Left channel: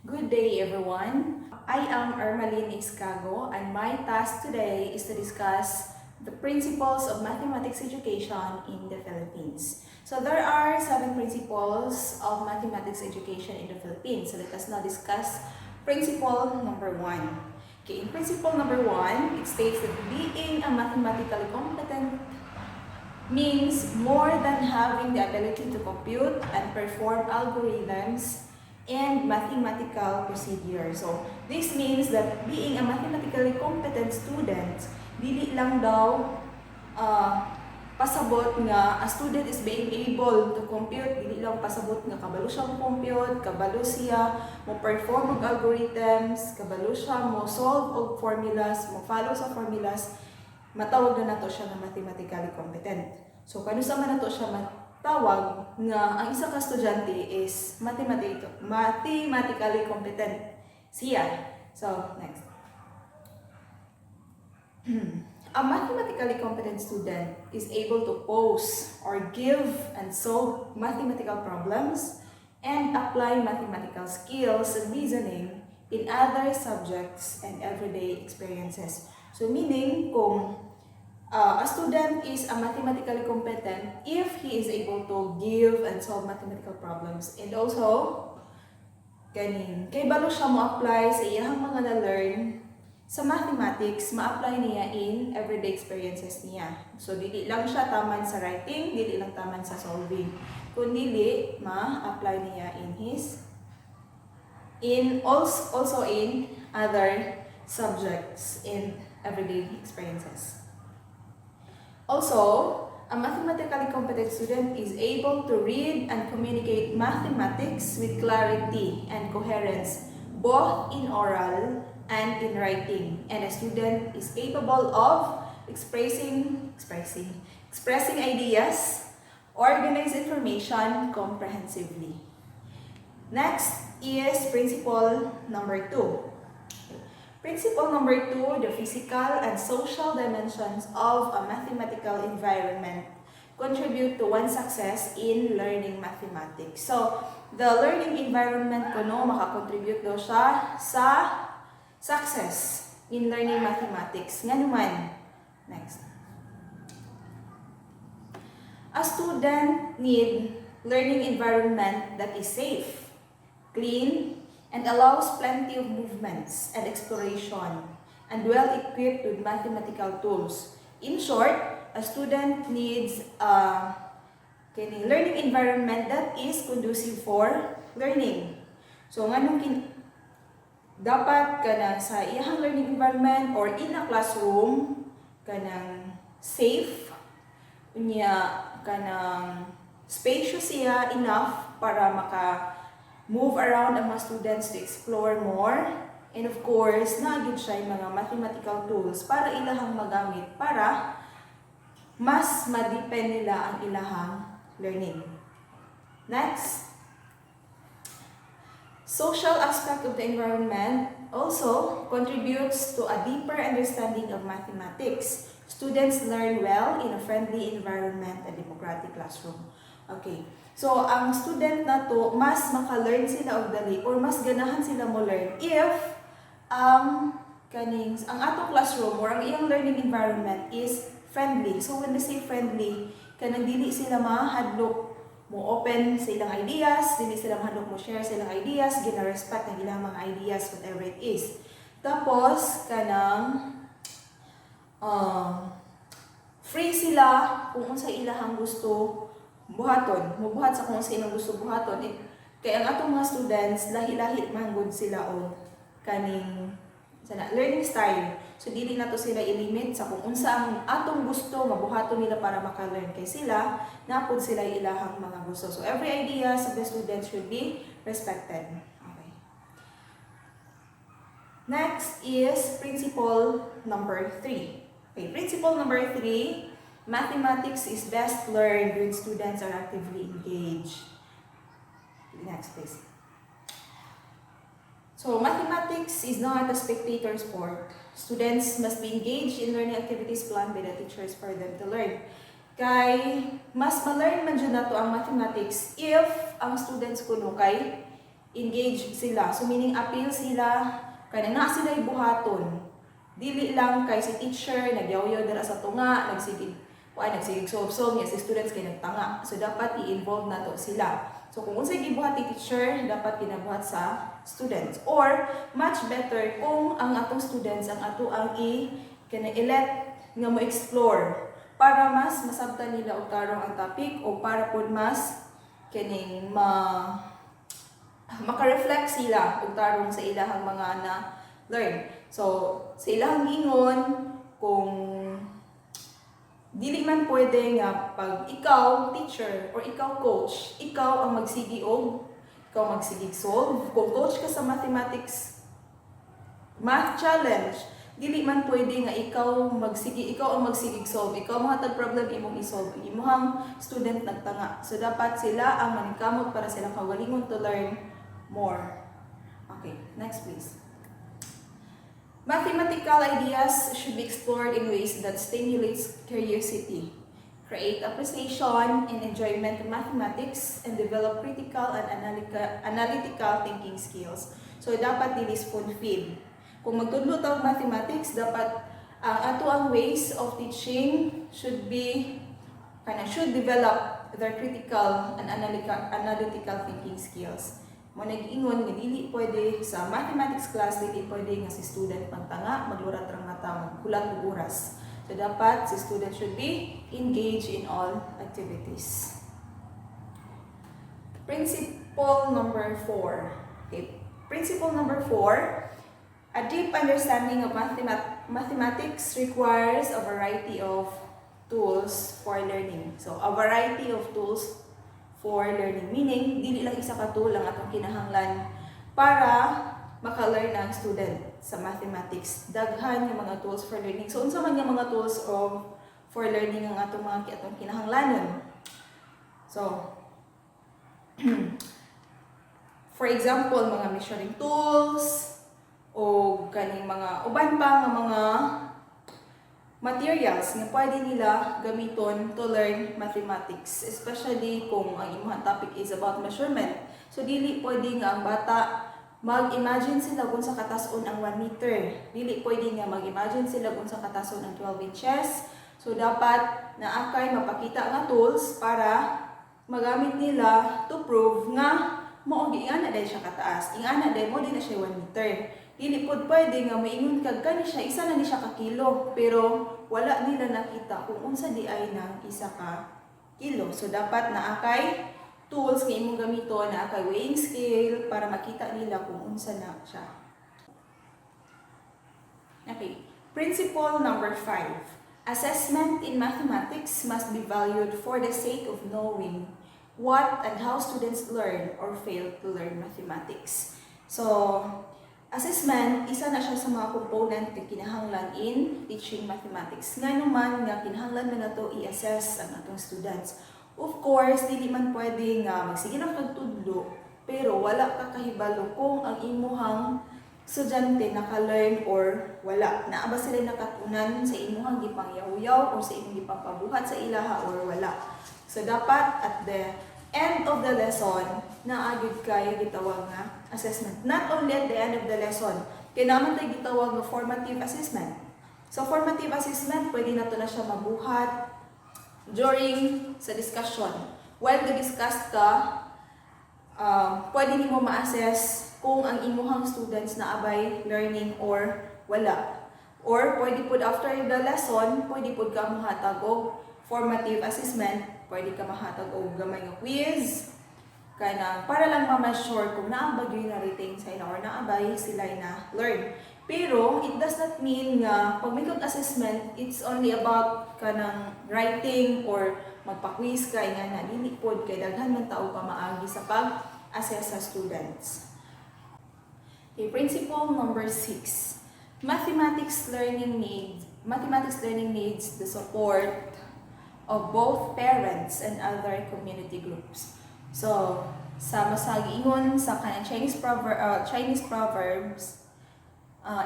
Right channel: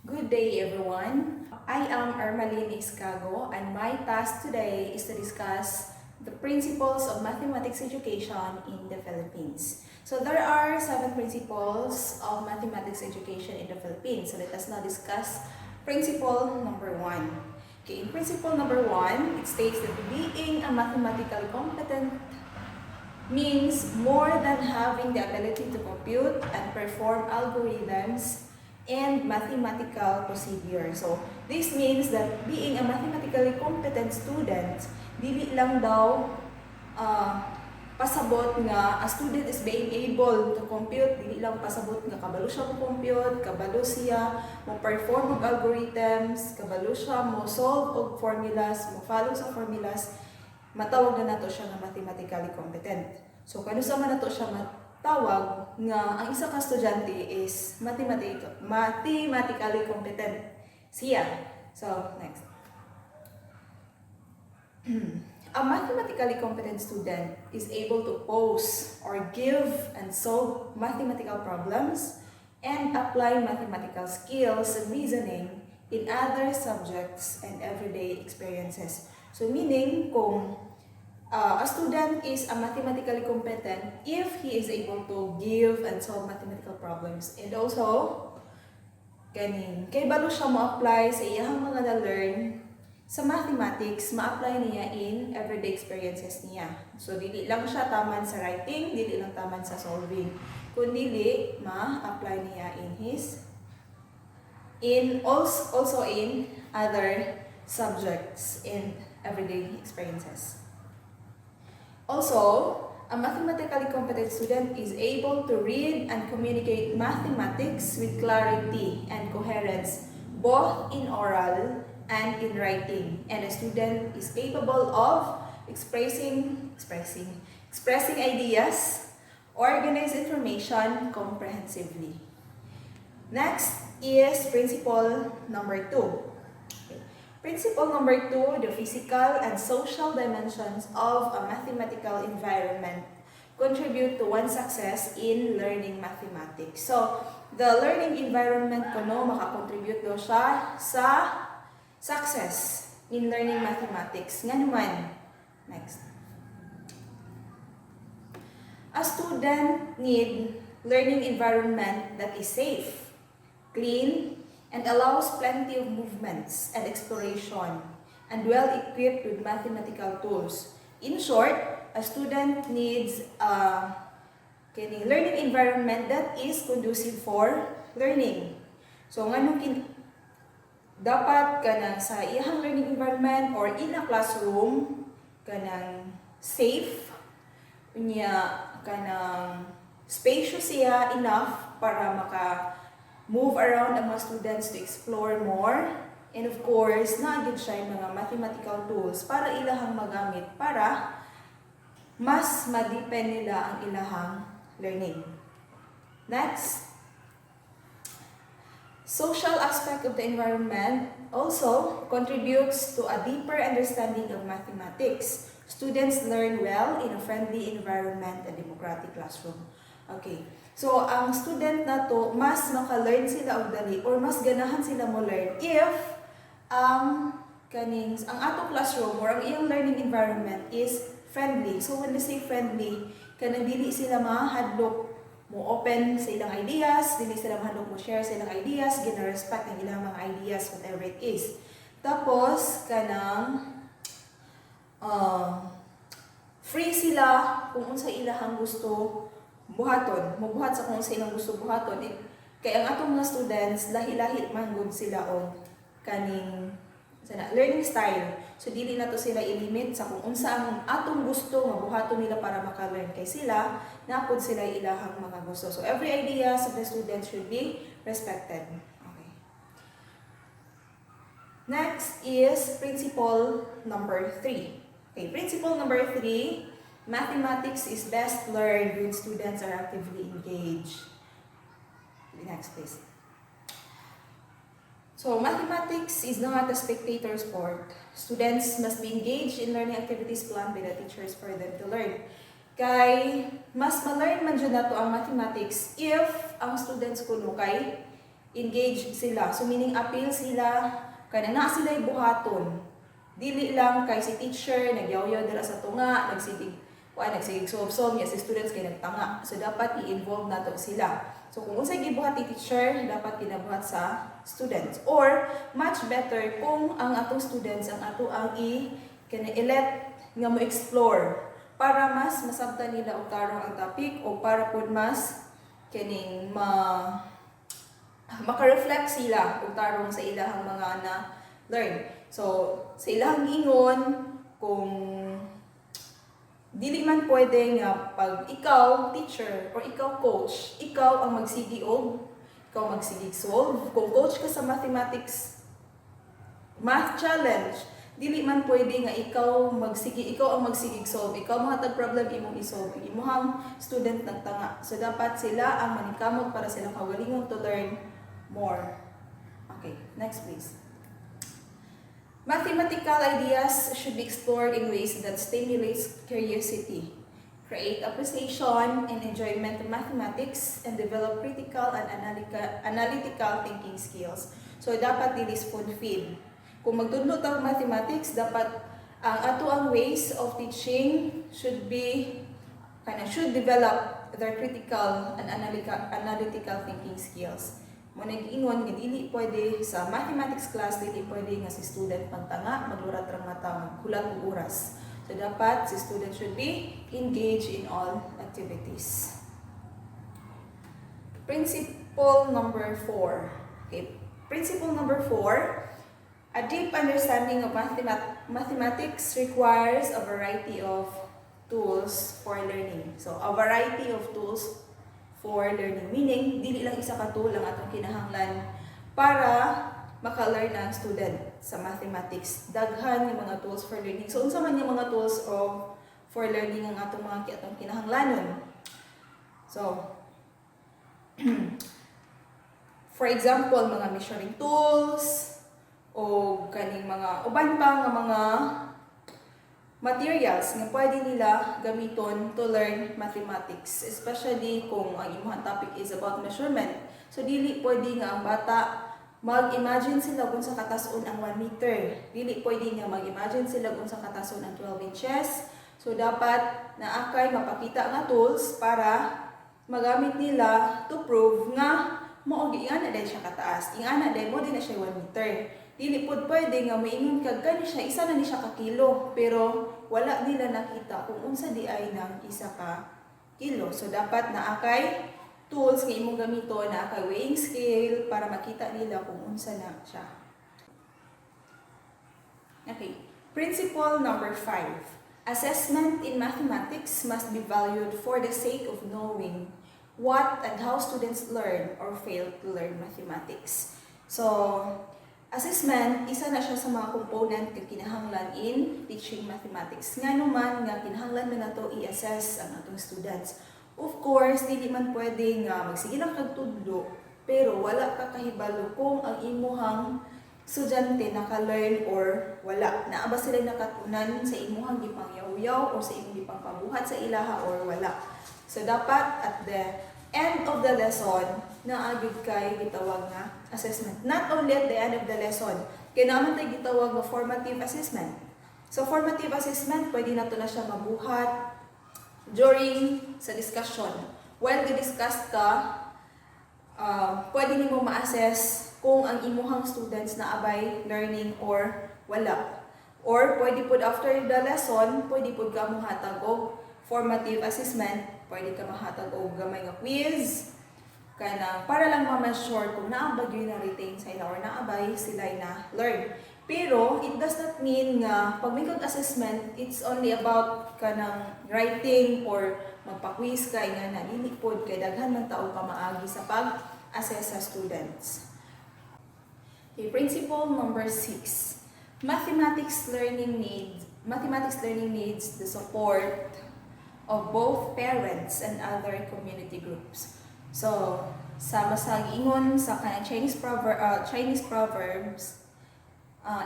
Good day, everyone. I am Ermaline Iscago, and my task today is to discuss the principles of mathematics education in the Philippines. So there are 7 principles of mathematics education in the Philippines. So let us now discuss principle number 1. Okay, in principle number 1, it states that being a mathematically competent means more than having the ability to compute and perform algorithms and mathematical procedures. So, this means that being a mathematically competent student, dili lang daw pasabot nga a student is being able to compute, dili lang pasabot nga kabalo siya mo compute, kabalo siya mo perform og algorithms, kabalo siya mo solve og formulas, mo follow sa formulas, matawag na nato siya nga mathematically competent. So kano sa man nato siya matawag nga ang isa ka estudyante is mathematically competent siya. So next. A mathematically competent student is able to pose or give and solve mathematical problems and apply mathematical skills and reasoning in other subjects and everyday experiences. So meaning kung a student is a mathematically competent if he is able to give and solve mathematical problems, and also kay balo siya mo apply sa iyang mga na-learn sa mathematics, ma-apply niya in everyday experiences niya. So dili lang siya taman sa writing, dili lang taman sa solving, kundi ma-apply niya also in other subjects in everyday experiences. Also, a mathematically competent student is able to read and communicate mathematics with clarity and coherence, both in oral and in writing. And a student is capable of expressing ideas, organize information comprehensively. Next is principle number 2. Principle number 2, the physical and social dimensions of a mathematical environment contribute to one's success in learning mathematics. So, the learning environment makakontribute daw siya sa success in learning mathematics. Nga naman. Next. A student need learning environment that is safe, clean, and allows plenty of movements and exploration, and well-equipped with mathematical tools. In short, a student needs a learning environment that is conducive for learning. So, dapat kanang sa iyang learning environment or in a classroom kanang safe unya, kanang spacious siya enough para move around ang mga students to explore more, and of course naagid siya yung mga mathematical tools para ilahang magamit para mas ma-depend nila ang ilahang learning. Next, social aspect of the environment also contributes to a deeper understanding of mathematics. Students learn well in a friendly environment and democratic classroom. Okay. So, ang student na to, mas maka-learn sila og dali or mas ganahan sila mo learn if ang atong classroom or ang iyang learning environment is friendly. So, when they say friendly, kanang dili sila mahadlok mo open sa ilang ideas, dili sila mahadlok mo share sa ilang ideas, gina-respect ng ilang mga ideas, whatever it is. Tapos, free sila kung unsa ilahang gusto buhaton, mubuhat sa kung sa ilang gusto buhaton. Kaya ang atong mga students, lahi-lahi man gud sila og learning style. So dili na to sila ilimit sa kung unsa ang atong gusto nga buhaton nila para maka-learn, kay sila napud sila ilahang mga gusto. So every ideas of the students should be respected. Okay. Next is principle number 3. Okay, principle number 3, mathematics is best learned when students are actively engaged. Next, please. So, mathematics is not a spectator sport. Students must be engaged in learning activities planned by the teachers for them to learn. Kay mas ma-learn man jud nato ang mathematics if ang students kuno kay engage sila. So meaning appeal sila, kaya na sila buhaton. Dili lang kay si teacher, nagyaw-yaw dira sa tunga, nagsigig sob-sob niya si students kay nagtanga. So dapat i-involve na to sila. So kung unsay gibuhat ni teacher, dapat kinabuhat sa students. Or much better kung ang atong students ang ato ang i-let nga mo explore para mas masabtan nila og tarong ang topic o para pod mas kining maka-reflect sila og tarong sa ilahang mga na learn. So sa ilahang ingon kung dili man pwede nga pag ikaw teacher or ikaw coach, ikaw ang magsigi og ikaw magsigig solve. Kung coach ka sa mathematics math challenge, dili man pwede nga ikaw ang magsigig solve, ikaw mahatag problem imong i-solve, imong student nagtanga. So dapat sila ang maningkamot para silang kagalingon to learn more. Okay, next please. Mathematical ideas should be explored in ways that stimulates curiosity, create appreciation and enjoyment of mathematics, and develop critical and analytical thinking skills. So dapat dili spoon-feed. Kung magtudlo tawag mathematics, dapat ang ways of teaching should develop their critical and analytical thinking skills. Mo nag-ingon nga dili pwede sa mathematics class, dili pwede nga si student magtanga, maglurat ra mata, maghulat og oras. So dapat si student should be engaged in all activities. Principle number 4. Okay. Principle number 4. A deep understanding of mathematics requires a variety of tools for learning. So a variety of tools for learning, meaning dili lang isa ka tool ang atong kinahanglan para maka-learn ang student sa mathematics. Daghan yung mga tools for learning. So unsa man yung mga tools for learning ang atong kinahanglanon. So for example, mga measuring tools o kaning mga uban pa nga mga materials nga pwede nila gamiton to learn mathematics, especially kung ang imong topic is about measurement. So dili pwede nga ang bata mag-imagine sila kung sa katason ang 1 meter. Dili pwede nga mag-imagine sila kung sa katason ang 12 inches. So dapat naakay mapakita nga tools para magamit nila to prove nga mao giingana dai siya kataas. Ingana dai mo din na siya 1 meter. Dili pod pwede nga maingon kag kani siya isa na ni siya ka kilo, pero wala nila nakita kung unsa di ay nang isa ka kilo. So dapat naakay tools nga imong gamiton, naakay weighing scale para makita nila kung unsa na siya. Okay, principle number 5. Assessment in mathematics must be valued for the sake of knowing what and how students learn or fail to learn mathematics. So assessment, isa na siya sa mga component nga kinahanglan in teaching mathematics. Nga naman nga kinahanglan man nato i-assess ang atong students. Of course, dili man pwede nga magsige lang kag tudlo, pero wala ka kahibalo kung ang imuhang estudyante naka-learn or wala. Naa ba sila nakatunan sa imuhang gipangyaw-yaw o sa imong gipangpabuhat sa ilaha or wala. So dapat at the end of the lesson, naagid kay gitawag nga assessment. Not only at the end of the lesson, kaya naman tayo gitawag nga formative assessment. So formative assessment, pwede na to na siya mabuhat during sa discussion. While ga-discuss ka, pwede nimo ma-assess kung ang imuhang students na abay learning or wala. Or pwede pod after the lesson, pwede pod ka mohatag og formative assessment. Pwede ka mahatag og gamay nga quiz kana para lang ma-measure kung naabay yun na retain sa ila or naabay sila na learn. Pero it does not mean nga pag may assessment, it's only about kanang writing or magpa-quiz ka nga na dili pod kay daghan man tao ka maagi sa pag-assess sa students. Okay, principle number 6. Mathematics learning needs the support of both parents and other community groups. So, sa masagingon sa kanang Chinese proverbs,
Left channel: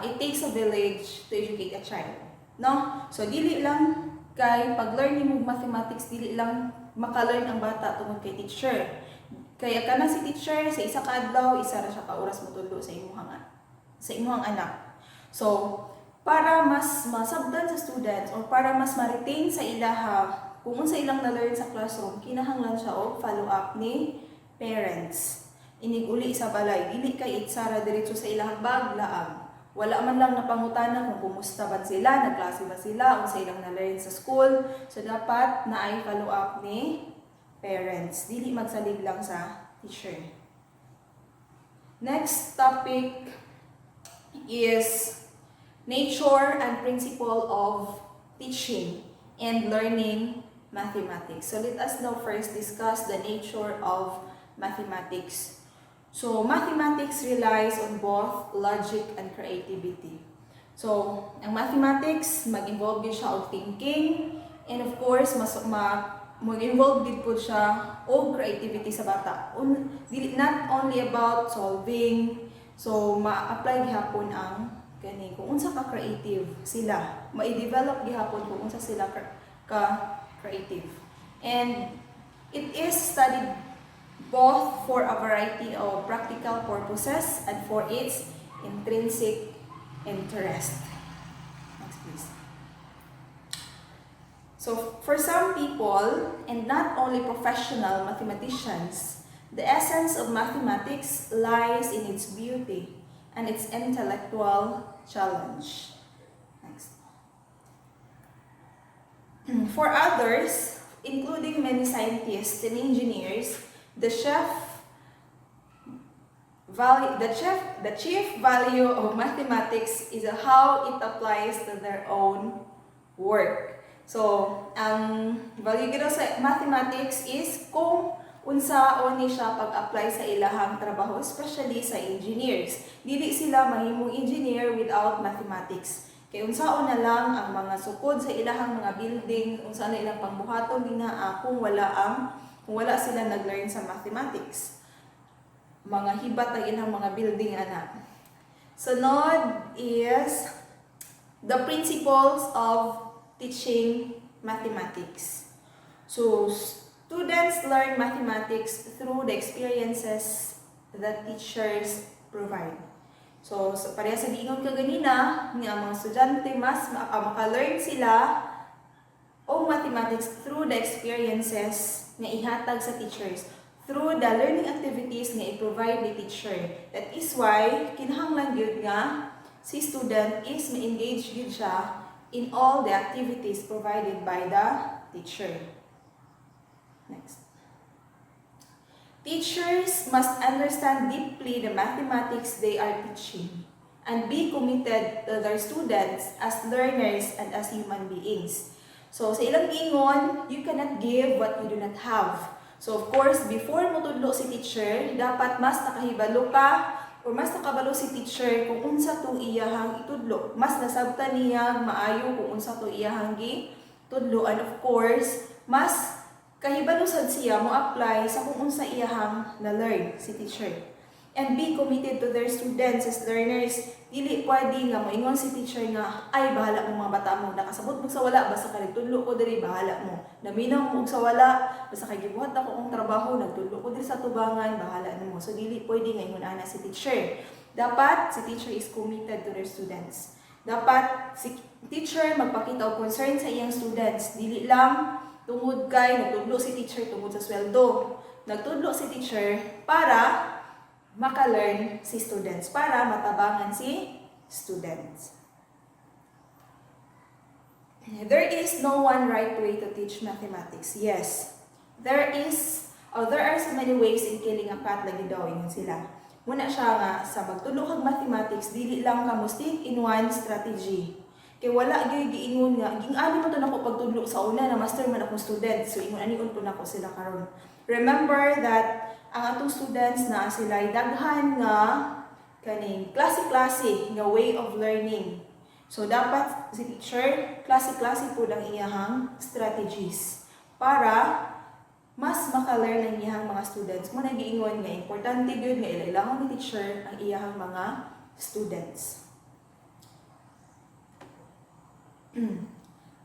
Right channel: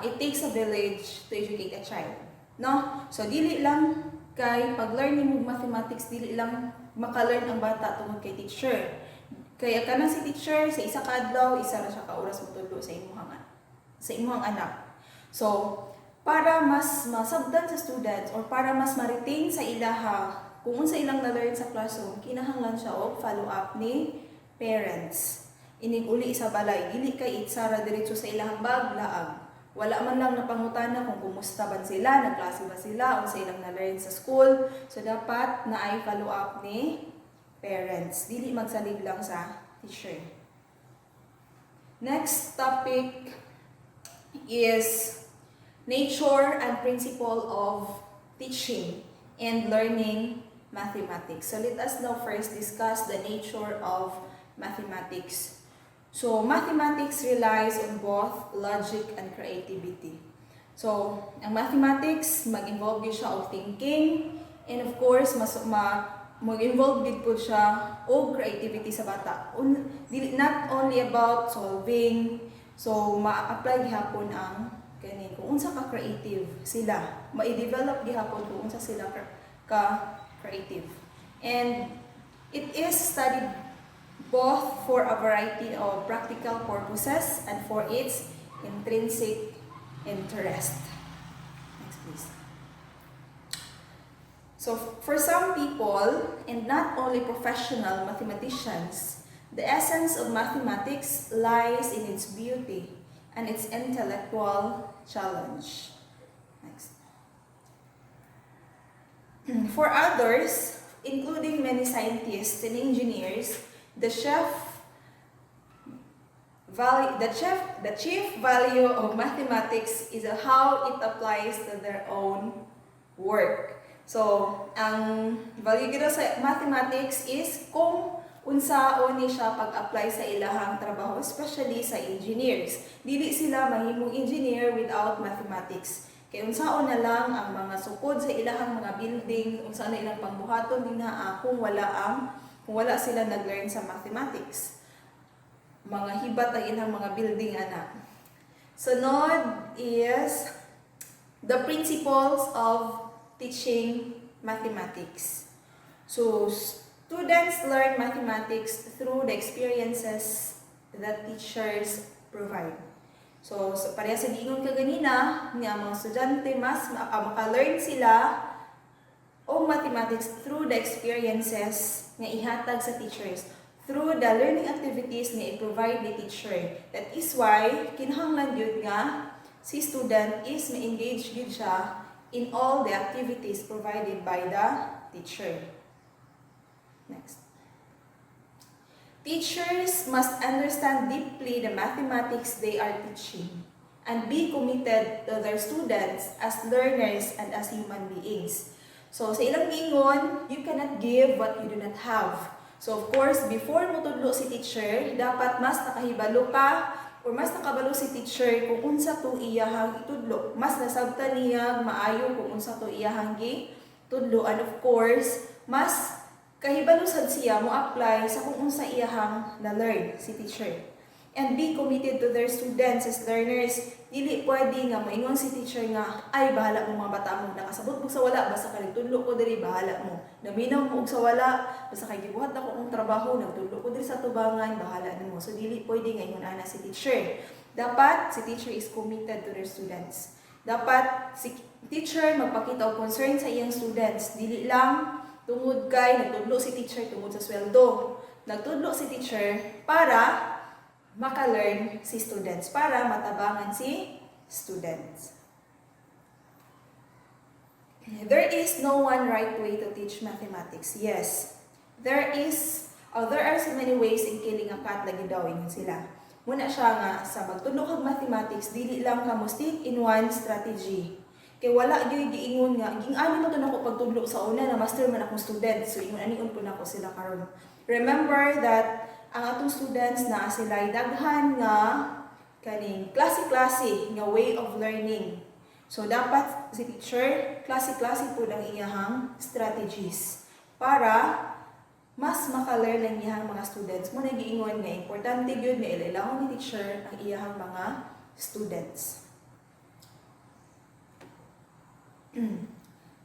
it takes a village to educate a child. No? So, dili lang kay pag-learning mo mathematics, dili lang maka-learn ang bata tungod kay teacher. Kaya kanang si teacher sa isa ka adlaw, isa ra siya ka oras motudlo sa imuhang anak. So, para mas masabdan sa students or para mas ma-retain sa ilaha kung unsa ilang na-learn sa classroom, kinahanglan siya og follow-up ni parents. Inig uli sa balay, dili kay itsara diretso sa ilahang bag-laag. Wala man lang napangutana kung kumusta ba sila, nagklase ba sila, unsa ilang na-learn sa school. So, dapat na ay follow-up ni parents. Dili magsalig lang sa teacher. Next topic is nature and principle of teaching and learning mathematics. So let us now first discuss the nature of mathematics. So mathematics relies on both logic and creativity. So ang mathematics, mag-involve din siya of thinking, and of course, mag-involve din po siya o creativity sa bata. Not only about solving, so ma-apply gihapon ang kani kung unsa ka creative sila, ma-develop gihapon kung unsa sila ka creative. And it is studied both for a variety of practical purposes and for its intrinsic interest. Next please. So for some people, and not only professional mathematicians, the essence of mathematics lies in its beauty and its intellectual challenge. Next. For others, including many scientists and engineers, the chief value of mathematics is how it applies to their own work. So, ang value gito sa mathematics is kung unsaon ni siya pag-apply sa ilahang trabaho, especially sa engineers. Dili sila mahimong engineer without mathematics. Kaya unsaon na lang ang mga sukod sa ilahang mga building, unsaon na ilang pangbuhaton dinaa kung wala sila nag-learn sa mathematics. Mga hibat ang ilang mga building ana. Sunod is the principles of teaching mathematics. So, students learn mathematics through the experiences that teachers provide. So pareha sa giingon ka ganina, nga mga estudyante mas maka-learn sila o mathematics through the experiences nga ihatag sa teachers, through the learning activities nga i-provide ni teacher. That is why kinahanglan gyud nga si student is ma-engage gyud siya in all the activities provided by the teacher. Next. Teachers must understand deeply the mathematics they are teaching and be committed to their students as learners and as human beings. So, sa ilang ingon, you cannot give what you do not have. So, of course, before mo tudlo si teacher, dapat mas nakahibalo ka or mas nakabalo si teacher kung unsa to iyahang itudlo. Mas nasabtan niya maayo kung unsa to iyahang gitudlo. And of course, mas kahibalo sad siya mo apply sa kung unsa iyahang na-learn si teacher. And be committed to their students as learners. Dili pwede nga moingon si teacher nga, ay bahala mo mga bata mo, nakasabot mo sa wala, basta ka nagtudlo ko diri, bahala mo. Naminaw mo sa wala, basta kay gibuhat ako kong trabaho, nagtudlo ko diri sa tubangan, bahala na mo. So dili pwede nga ingon ana si teacher. Dapat si teacher is committed to their students. Dapat si teacher magpakita og concern sa iyang students. Dili lang tungod kay nagtudlo si teacher tungod sa sweldo. Nagtudlo si teacher para maka-learn si students, para matabangan si students. There is no one right way to teach mathematics. Yes, there are so many ways in killing a cat, lagi daw ingon sila. Muna siya nga sa pagtudlo kag mathematics, dili lang ka mo stick in one strategy. Kay wala gyud giingon nga ging-ani mo to nako pagtudlo sa una na master man akong student, so ingon aniun po nako sila karon. Remember that ang atong students na sila daghan nga kaning klase-klase nga way of learning. So dapat si teacher klase-klase po ang iyahang strategies para mas maka-learn ang iyahang mga students. Muna giingon nga importante gyud nga ilailangon ni teacher ang iyahang mga students.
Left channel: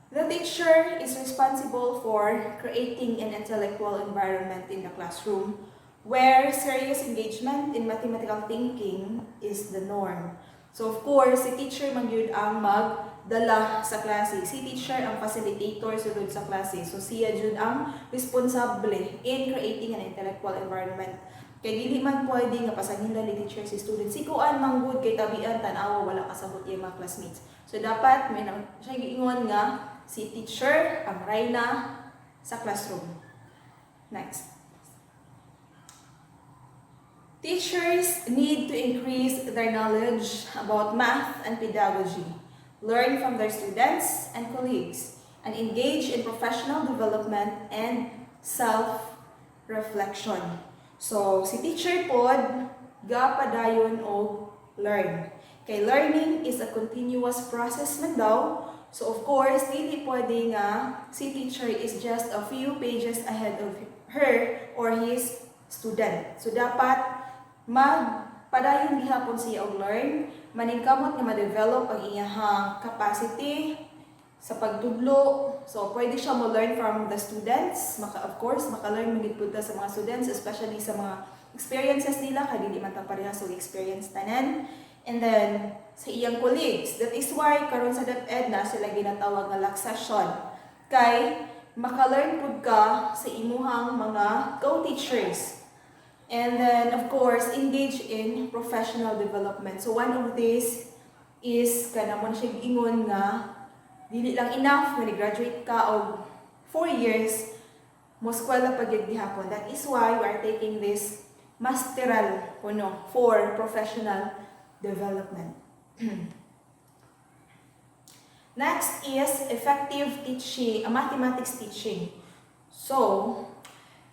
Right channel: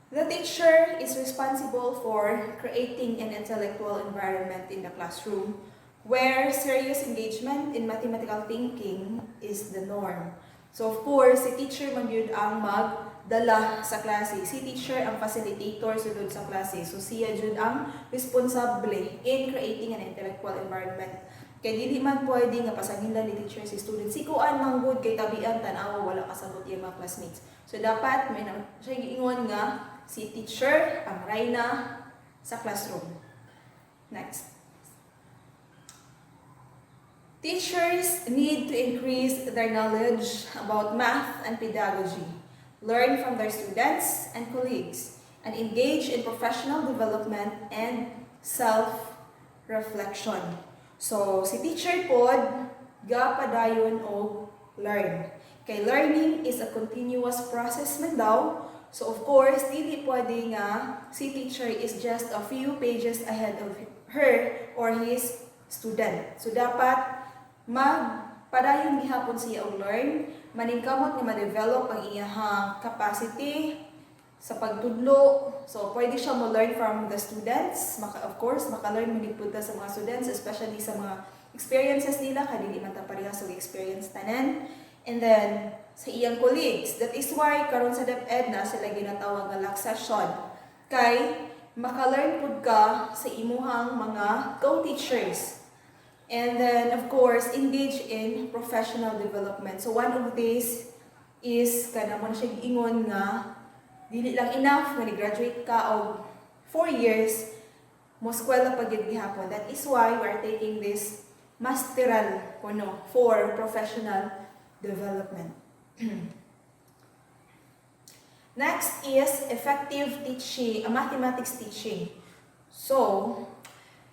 The teacher is responsible for creating an intellectual environment in the classroom where serious engagement in mathematical thinking is the norm. So of course, si teacher man yun ang magdala sa klase. Si teacher ang facilitator sulod sa klase. So siya yun ang responsable in creating an intellectual environment. Kaya dili man pwede nga pasanin lang ni teacher si student. Si kuan manggod kay tabian tanawa wala kasabot yung mga classmates. So dapat may siya giingon nga si teacher ang rayna sa classroom. Next. Teachers need to increase their knowledge about math and pedagogy, learn from their students and colleagues, and engage in professional development and self-reflection. So, si teacher pod, gapadayon og learn. Kay learning is a continuous process man daw. So, of course, dili pwede nga si teacher is just a few pages ahead of her or his student. So, dapat magpadayon gihapon siya og learn, maningkamot nga ma-develop ang iyahang capacity sa pagtudlo. So, pwede siya mo learn from the students. Of course, maka-learn magid punta sa mga students, especially sa mga experiences nila, kaya di man ta parehas og experience tanan. And then, sa iyang colleagues. That is why, karon sa DepEd na sila ginatawag nga LAC session. Kay, maka-learn pud ka sa imuhang mga co-teachers. And then, of course, engage in professional development. So, one of these is, kana mo na siya ingon nga, dili lang enough when graduate ka og 4 years, mo eskwela pa gyud gihapon. That is why we are taking this masteral kuno for professional development. Next is effective teaching, mathematics teaching. So,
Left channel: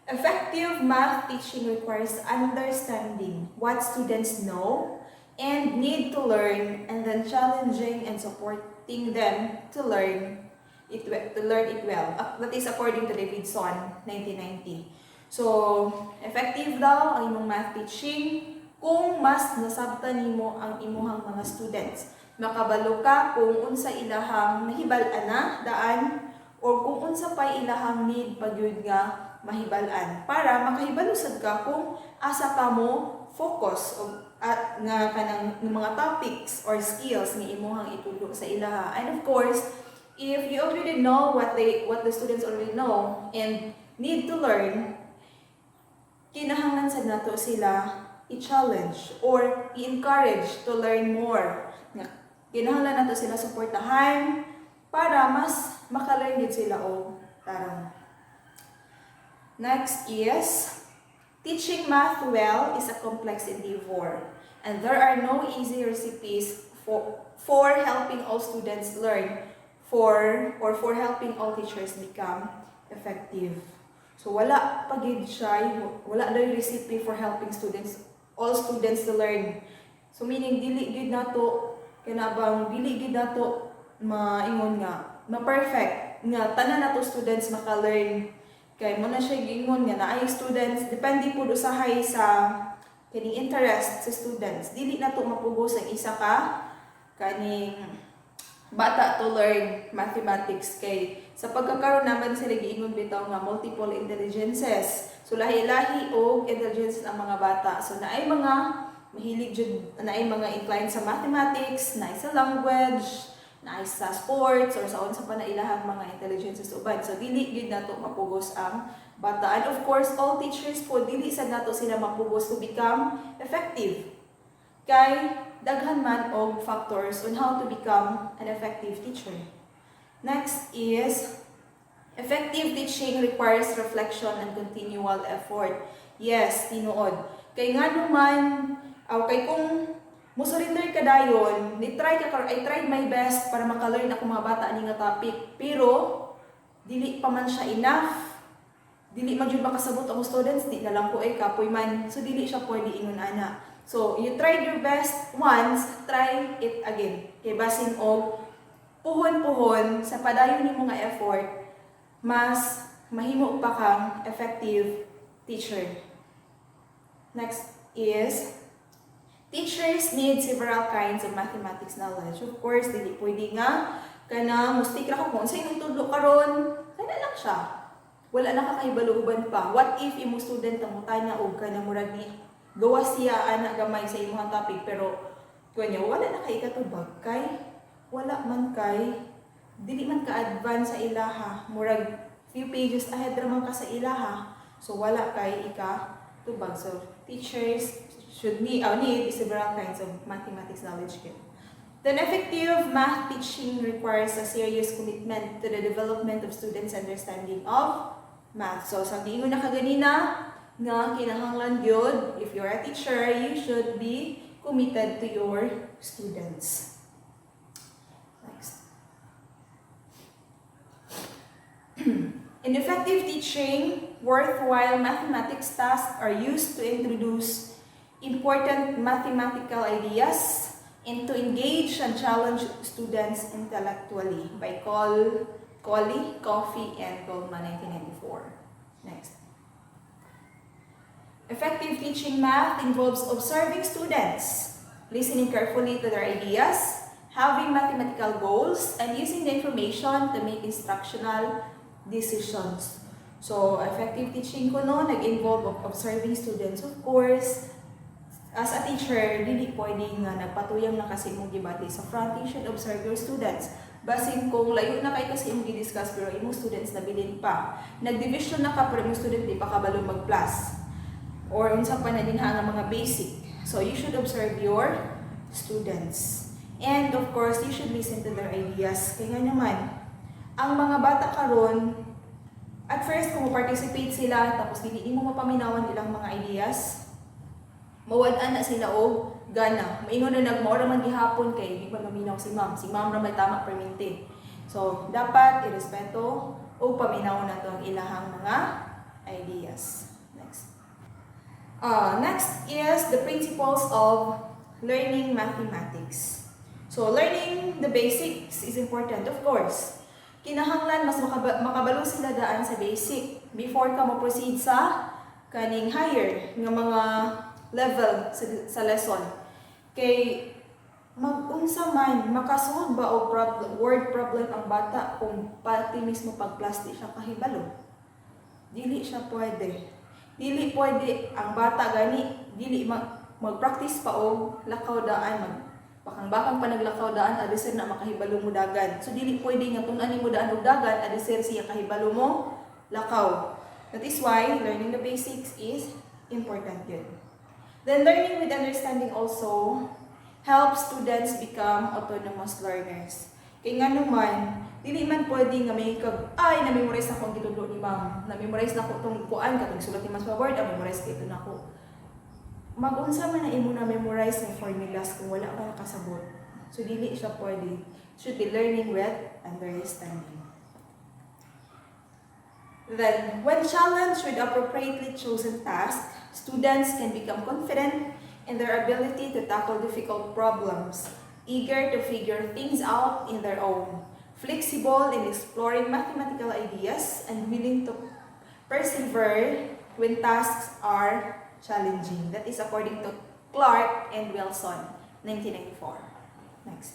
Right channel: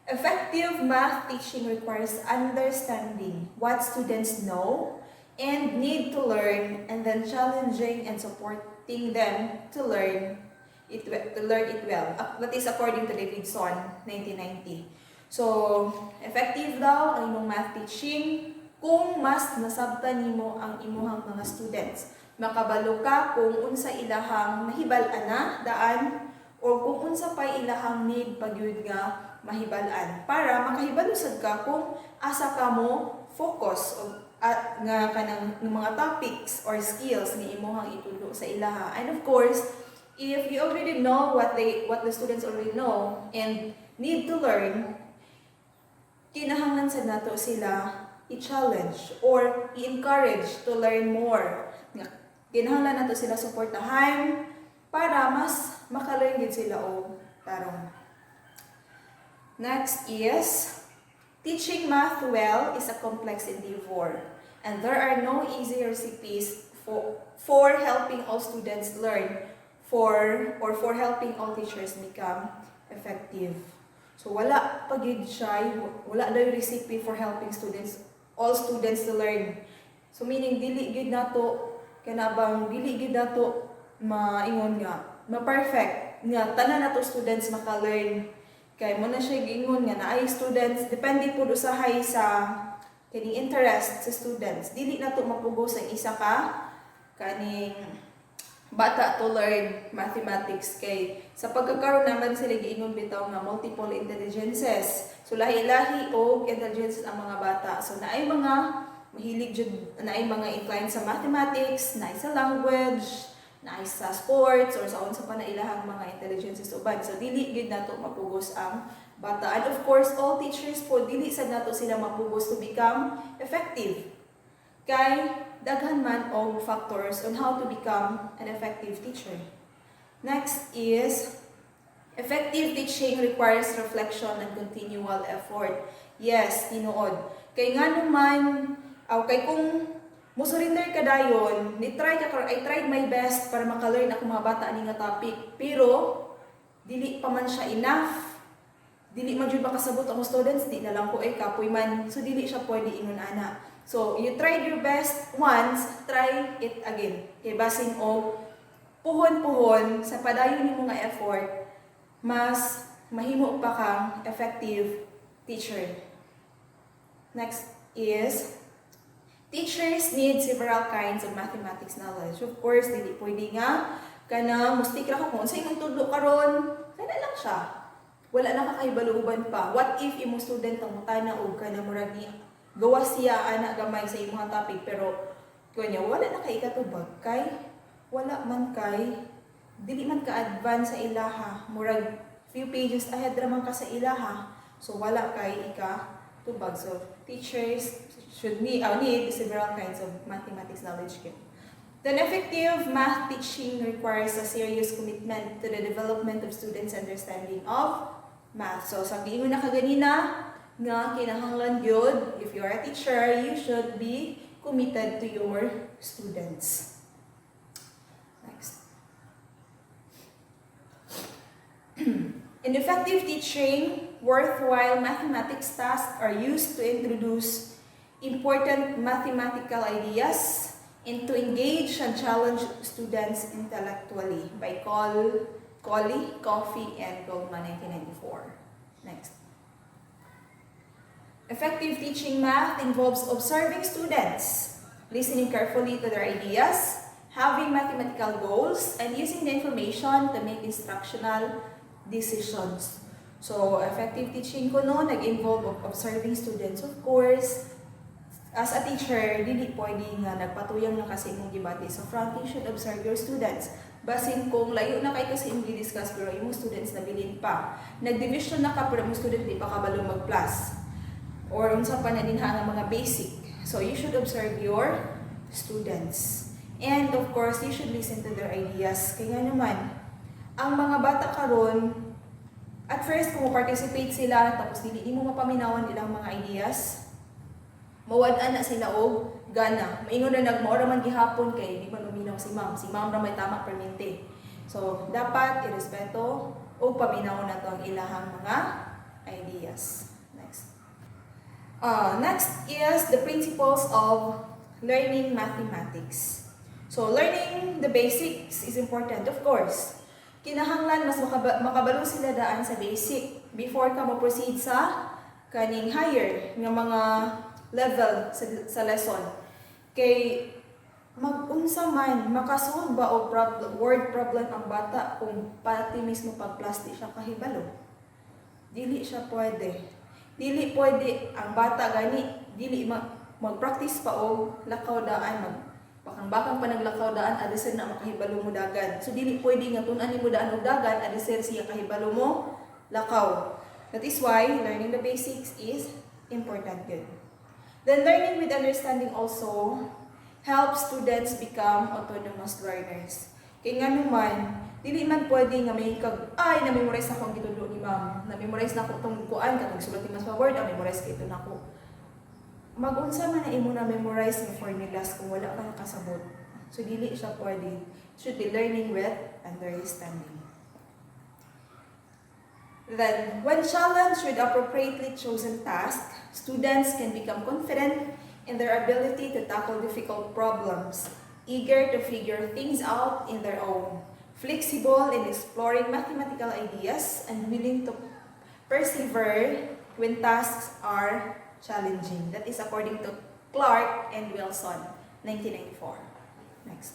effective math teaching requires understanding what students know and need to learn, and then challenging and supporting them to learn it well. That is according to Davidson, 1990. So, effective daw ang imong math teaching kung mas nasabtan nimo ang imuhang mga students. Makabalo ka kung unsa ilahang mahibal-an na daan o kung unsa pay ilahang need pagyud nga mahibal-an para makahibalusad ka kung asa ka mo focus o at nga kanang mga topics or skills nga imuhang itudlo sa ilaha. And of course, if you already know what the students already know and need to learn, kinahanglan sad nato sila i-challenge or i-encourage to learn more. Kinahanglan nato sila suportahan para mas maka-learn gid sila og tarong. Next is teaching math well is a complex endeavor, and there are no easy recipes for helping all students learn for helping all teachers become effective. So wala pagid siya, wala daw recipe for helping all students to learn. So meaning dili gid nato kanabang dili gid nato maingon nga ma-perfect nga tanan nato students maka-learn. Kay mo na siya gingon nga naay students depende pud usahay sa kining interest sa students. Dili nato mapugos ang isa ka kaning bata to learn mathematics kay sa pagkakaroon naman sila giingon bitaw nga multiple intelligences. So lahi-lahi og intelligences ang mga bata. So naay mga mahilig jud, naay mga inclined sa mathematics, naay sa language, naay sa sports or sa unsa pa na ilahang mga intelligences uban. So dili gyud nato mapugos ang bata. And of course, all teachers po dili sad nato sila mapugos to become effective. Kay daghan man og factors on how to become an effective teacher. Next is effective teaching requires reflection and continual effort. Yes, tinuod. Kay ngano man kay kung mo-surrender ka dayon, I tried my best para maka-learn ako mga bata ani nga topic, pero dili pa man siya enough. Dili man jud makasabot ang students, di na lang ko ay kapoy man. So dili siya pwede ingon ana. So you tried your best once, try it again. Kay basin og puhon-puhon sa padayon nimo nga effort, mas mahimo pa kang effective teacher. Next is teachers need several kinds of mathematics knowledge. Of course, dili pwede nga kanang mustik ra ko kung sa imong tudlo karon, kana lang siya. wala na kakaibaluban pa. What if imong student ang mutana og kana murag ni gawa siya ana gamay sa imong topic pero kunya wala na kay ikatubag kay wala man kay dili man ka advance sa ilaha murag few pages ahead raman ka sa ilaha so wala kay ikatubag. So teachers should need several kinds of mathematics knowledge kit. Then effective math teaching requires a serious commitment to the development of students' understanding of math. So sa giingon na kaganina nga kinahanglan gyud if you are a teacher, you should be committed to your students. Next. In effective teaching, worthwhile mathematics tasks are used to introduce important mathematical ideas and to engage and challenge students intellectually by Colley, Coffey, and Goldman, 1994. Next. Effective teaching math involves observing students, listening carefully to their ideas, having mathematical goals, and using the information to make instructional decisions. So, effective teaching ko no, nag-involve of observing students, of course. As a teacher, dili pwede nga nagpatuyang na kasi imong gibati. So, front, you should observe your students. Basin kung layo na kay kasi imong gi-discuss pero imong students nabilin pa. Nag-division na ka pero imong student di pa kabalo mag-plus. Or unsa pa na din nga mga basic. So, you should observe your students. And of course, you should listen to their ideas. Kaya naman, ang mga bata karon at first kung participate sila tapos dili mo mapaminawan ilang mga ideas, mawad-an na sila og gana. Maingon na nagmaura man gihapon kay di man maminaw si ma'am. Si ma'am ra may tama permente. So, dapat irespeto o paminaw na to ang ilahang mga ideas. Next. Next is the principles of learning mathematics. So, learning the basics is important, of course. Kinahanglan mas makabalo sila daan sa basic before ka mo-proceed sa kaning higher nga mga level sa lesson. Kay mag-unsa man makasulod ba og word problem ang bata kung pati mismo pag-plus di siya kahibalo. Dili siya pwede. Dili pwede ang bata gani dili mag-practice pa og lakaw daan bakang-bakang pa naglakaw daan adisir na makahibalo mo dagan. So dili pwede nga tun-an nimo daan og dagan adisir siya kahibalo mo lakaw. That is why learning the basics is important yun. Then learning with understanding also helps students become autonomous learners. Kaya nga naman, dili man pwede nga may na-memorize na ko ang gitundo ni ma'am. Na-memorize na ko itong kuan, katong sulat ni mas word, na-memorize ka ito na ko. Mag-unsa man na imo na-memorize ng formulas kung wala ka nakasabot. So dili siya pwede. Should be learning with understanding. Then, when challenged with appropriately chosen tasks, students can become confident in their ability to tackle difficult problems, eager to figure things out in their own, flexible in exploring mathematical ideas, and willing to persevere when tasks are challenging. That is according to Clark and Wilson, 1994. Next.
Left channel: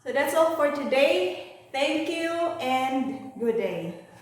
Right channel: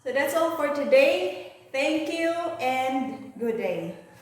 So that's all for today. Thank you and good day.